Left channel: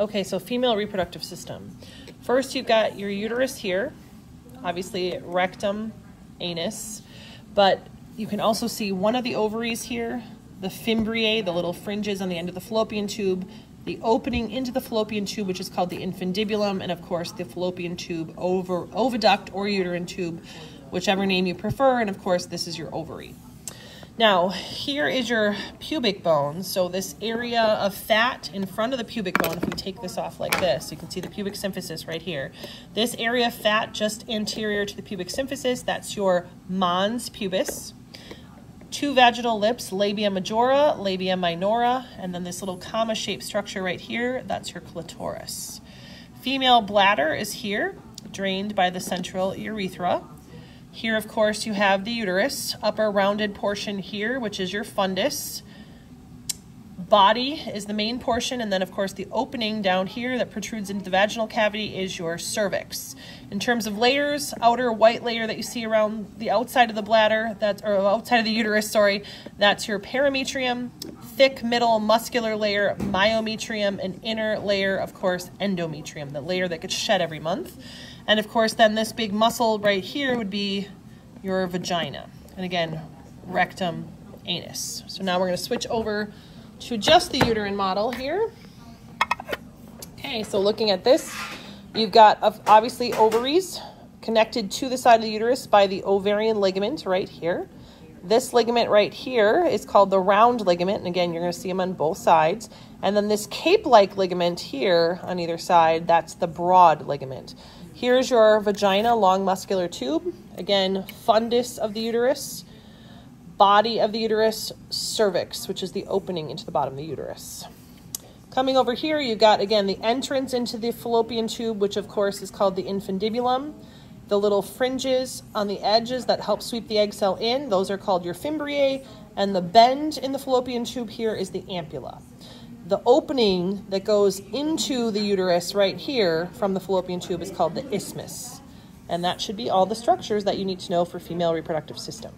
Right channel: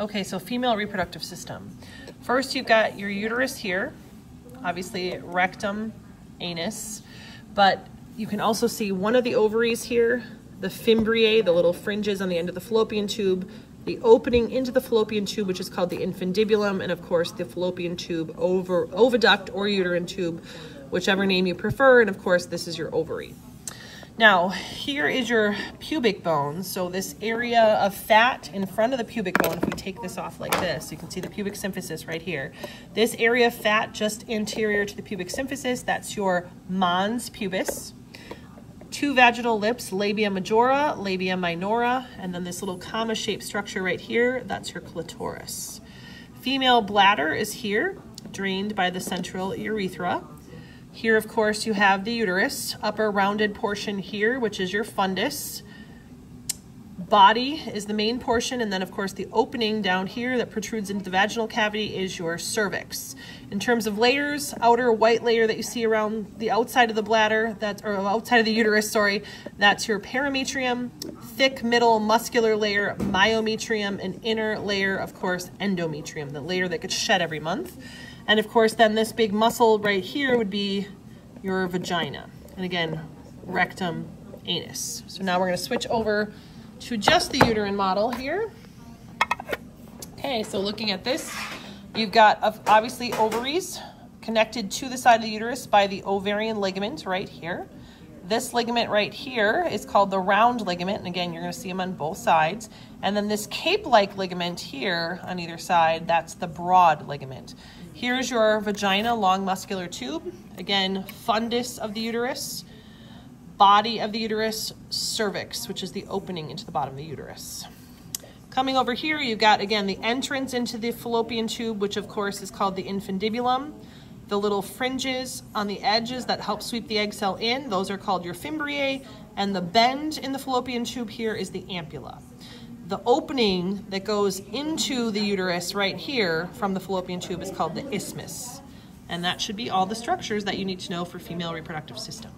Okay, so female reproductive system. First, you've got your uterus here, obviously rectum, anus, but you can also see one of the ovaries here, the fimbriae, the little fringes on the end of the fallopian tube, the opening into the fallopian tube, which is called the infundibulum, and of course the fallopian tube, oviduct or uterine tube, whichever name you prefer, and of course this is your ovary. Now, here is your pubic bone. So this area of fat in front of the pubic bone, if we take this off like this, you can see the pubic symphysis right here. This area of fat just anterior to the pubic symphysis, that's your mons pubis. Two vaginal lips, labia majora, labia minora, and then this little comma-shaped structure right here, that's your clitoris. Female bladder is here, drained by the central urethra. Here, of course, you have the uterus, upper rounded portion here, which is your fundus. Body is the main portion, and then, of course, the opening down here that protrudes into the vaginal cavity is your cervix. In terms of layers, outer white layer that you see around the outside of the bladder, or outside of the uterus, sorry, that's your perimetrium. Thick middle muscular layer, myometrium, and inner layer, of course, endometrium, the layer that gets shed every month. And of course, then this big muscle right here would be your vagina. And again, rectum, anus. So now we're going to switch over to just the uterine model here. Okay, so looking at this, you've got obviously ovaries connected to the side of the uterus by the ovarian ligament right here. This ligament right here is called the round ligament, and again, you're going to see them on both sides. And then this cape-like ligament here on either side, that's the broad ligament. Here's your vagina, long muscular tube. Again, fundus of the uterus, body of the uterus, cervix, which is the opening into the bottom of the uterus. Coming over here, you've got, again, the entrance into the fallopian tube, which of course is called the infundibulum. The little fringes on the edges that help sweep the egg cell in, those are called your fimbriae, and the bend in the fallopian tube here is the ampulla. The opening that goes into the uterus right here from the fallopian tube is called the isthmus. And that should be all the structures that you need to know for female reproductive system.